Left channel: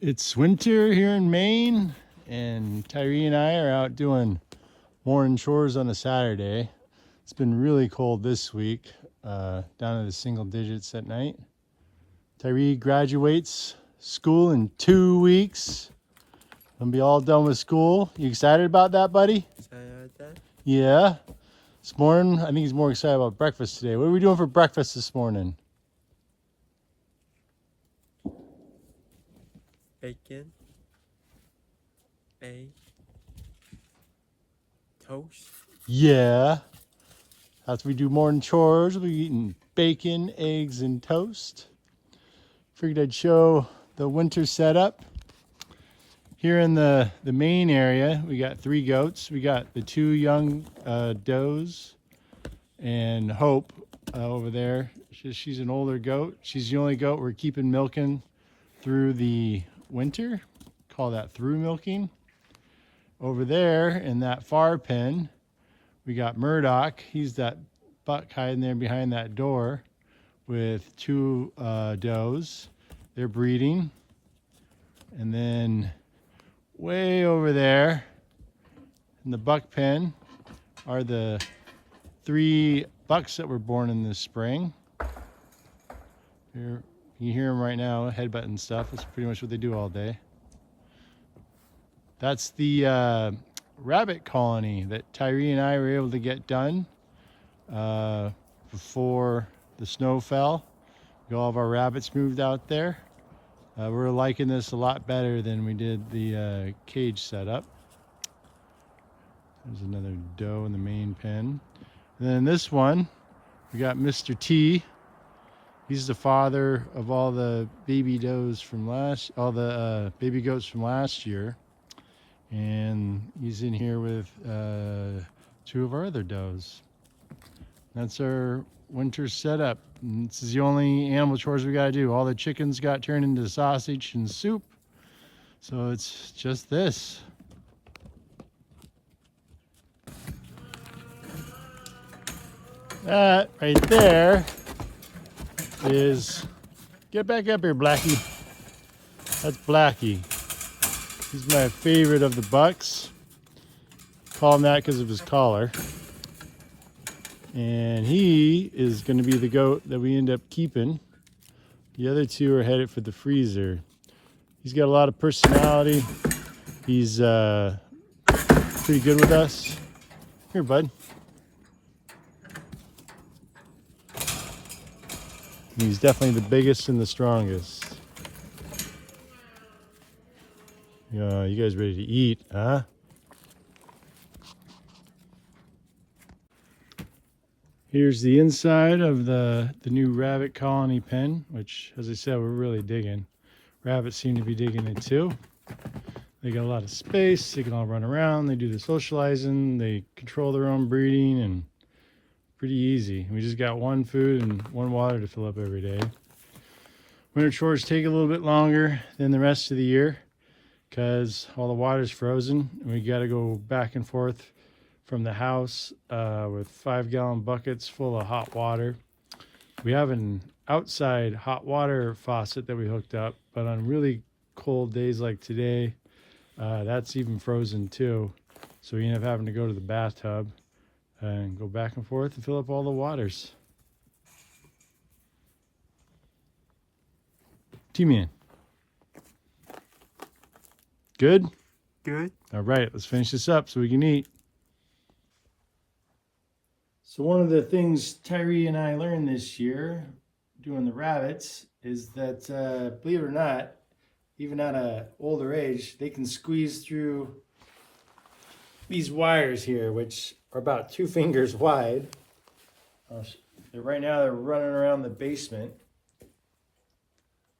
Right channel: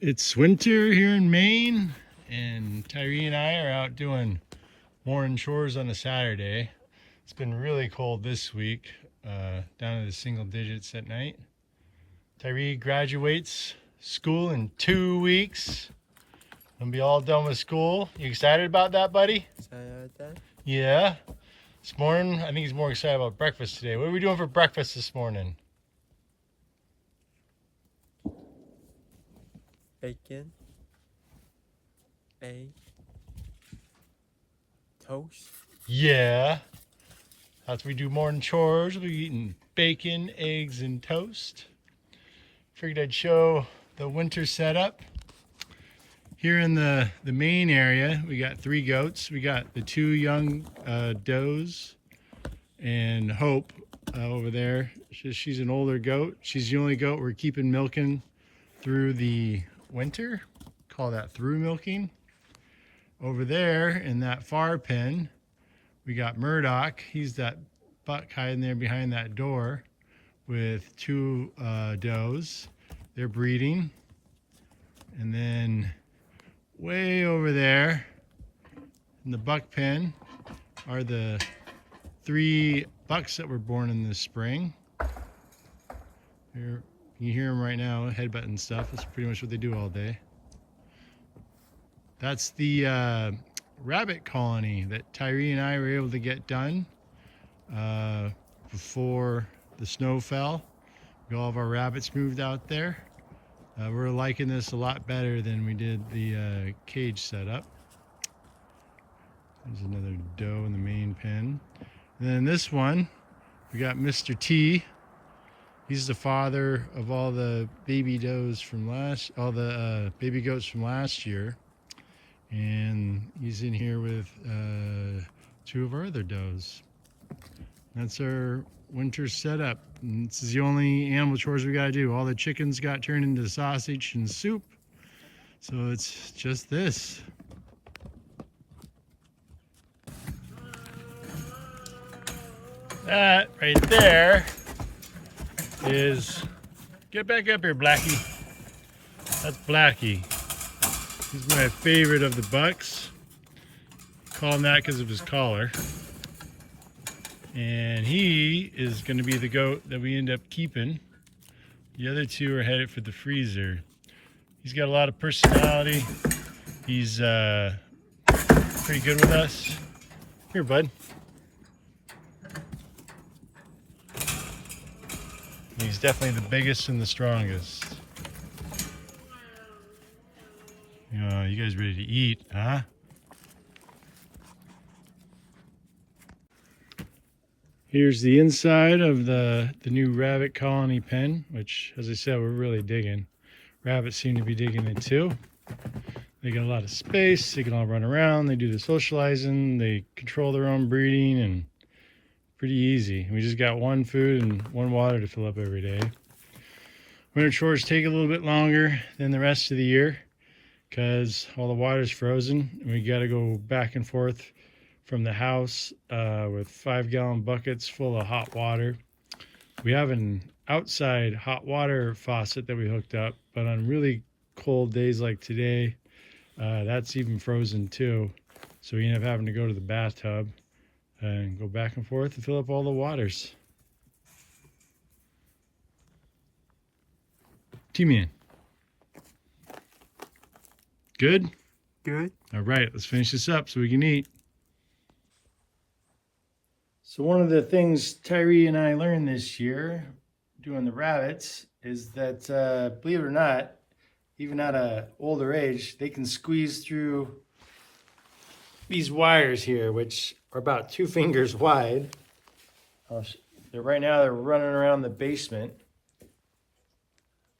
It's winter here in Maine, and Tyree and I are out doing morning chores on a Saturday. It's been really cold this week, down to the single digits at night. Tyree graduates school in 2 weeks. Gonna be all done with school. You excited about that, buddy? Excited about that? Yeah. This morning, I think he's more excited about breakfast today. What are we doing for breakfast this morning? Bacon, egg, toast. Yeah. That's what we do morning chores. We'll be eating bacon, eggs, and toast. Figured I'd show the winter setup. Here in the main area, we got 3 goats. We got the 2 young does and Hope over there. She's an older goat. She's the only goat we're keeping milking through the winter. Call that through milking. Over there in that far pen, we got Murdoch. He's that buck hiding there behind that door with 2 does. They're breeding. And then way over there in the buck pen are the 3 bucks that were born in the spring. You hear them right now, headbutting stuff. That's pretty much what they do all day. That's the rabbit colony that Tyree and I were able to get done before the snow fell. All of our rabbits moved out there. We're liking this a lot better than we did the cage setup. There's another doe in the main pen. And then this one, we got Mr. T. He's the father of all the baby does from all the baby goats from last year. And he's in here with 2 of our other does. That's our winter setup. And this is the only animal chores we gotta do. All the chickens got turned into sausage and soup. So it's just this. That right there is, get back up here, Blackie. That's Blackie. He's my favorite of the bucks. Call him that because of his collar. And he is going to be the goat that we end up keeping. The other 2 are headed for the freezer. He's got a lot of personality. He's pretty good with us. Here, bud. He's definitely the biggest and the strongest. Yeah, you guys ready to eat, huh? Here's the inside of the new rabbit colony pen, which, as I said, we're really digging. Rabbits seem to be digging it too. They got a lot of space. They can all run around. They do the socializing. They control their own breeding, and pretty easy. We just got 1 food and 1 water to fill up every day. Winter chores take a little bit longer than the rest of the year because all the water's frozen, and we got to go back and forth from the house with 5-gallon buckets full of hot water. We have an outside hot water faucet that we hooked up, but on really cold days like today, that's even frozen too. So we end up having to go to the bathtub and go back and forth and fill up all the waters. T-Man. Good? Good. All right, let's finish this up so we can eat. So one of the things Tyree and I learned this year doing the rabbits is that, believe it or not, even at an older age, they can squeeze through these wires here, which are about 2 fingers wide. Right now they're running around the basement.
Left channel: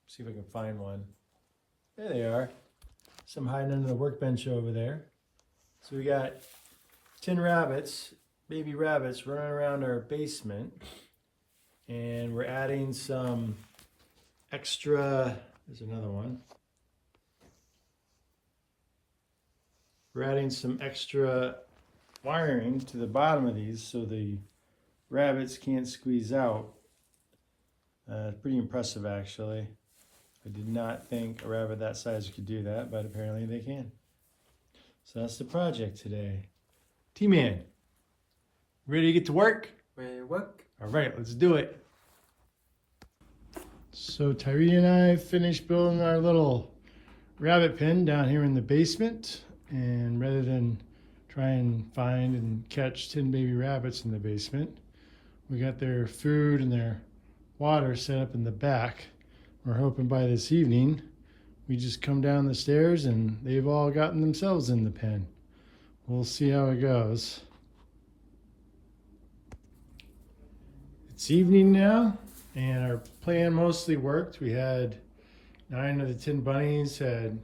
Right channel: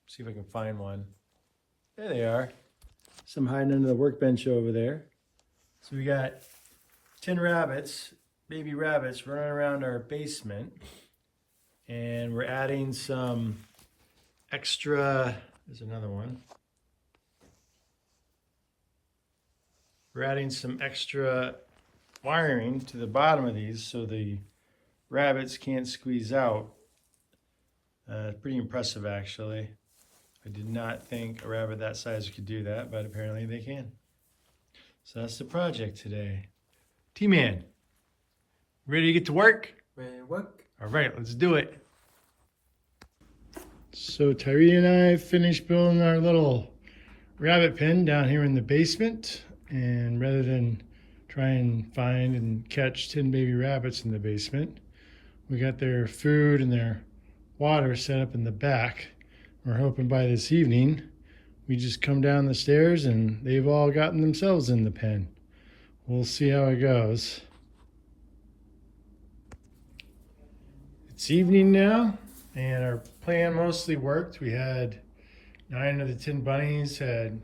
See if I can find one. There they are. Some hiding under the workbench over there. So we got 10 rabbits, baby rabbits, running around our basement. And we're adding some extra, there's another one. We're adding some extra wiring to the bottom of these so the rabbits can't squeeze out. Pretty impressive, actually. I did not think a rabbit that size could do that, but apparently they can. So that's the project today. T-Man, ready to get to work? Ready to work? All right, let's do it. So Tyree and I finished building our little rabbit pen down here in the basement. And rather than try and find and catch 10 baby rabbits in the basement, we got their food and their water set up in the back. We're hoping by this evening, we just come down the stairs and they've all gotten themselves in the pen. We'll see how it goes. It's evening now, and our plan mostly worked. We had 9 of the 10 bunnies had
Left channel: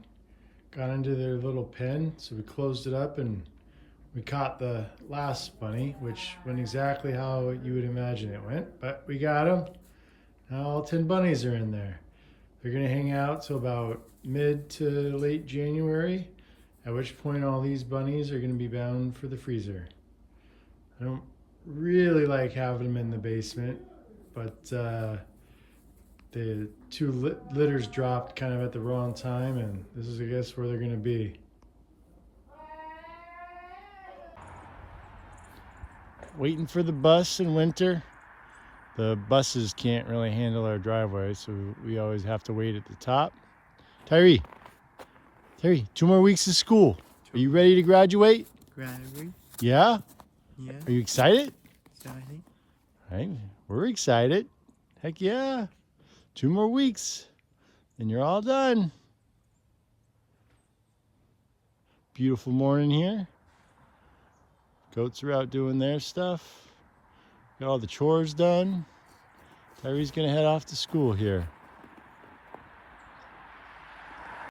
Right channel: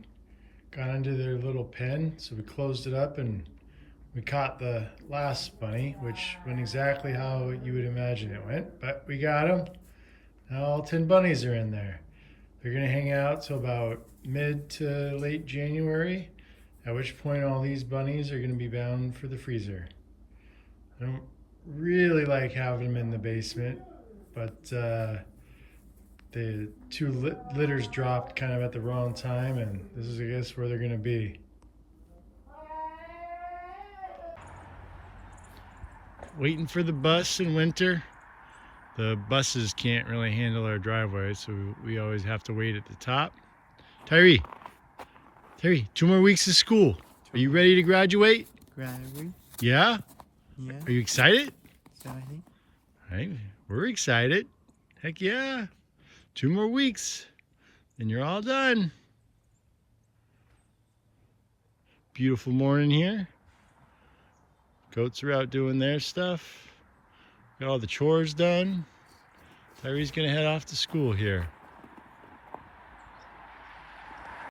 gone into their little pen, so we closed it up and we caught the last bunny, which went exactly how you would imagine it went, but we got him. Now all 10 bunnies are in there. They're gonna hang out till about mid to late January, at which point all these bunnies are gonna be bound for the freezer. I don't really like having them in the basement, but the 2 litters dropped kind of at the wrong time, and this is, I guess, where they're gonna be. Waiting for the bus in winter. The buses can't really handle our driveway, so we always have to wait at the top. Tyree, 2 more weeks of school. Are you ready to graduate? Graduate? Yeah? Yeah. Are you excited? Exciting. All right, we're excited. Heck yeah. 2 more weeks and you're all done. Beautiful morning here. Goats are out doing their stuff. Got all the chores done. Tyree's gonna head off to school here.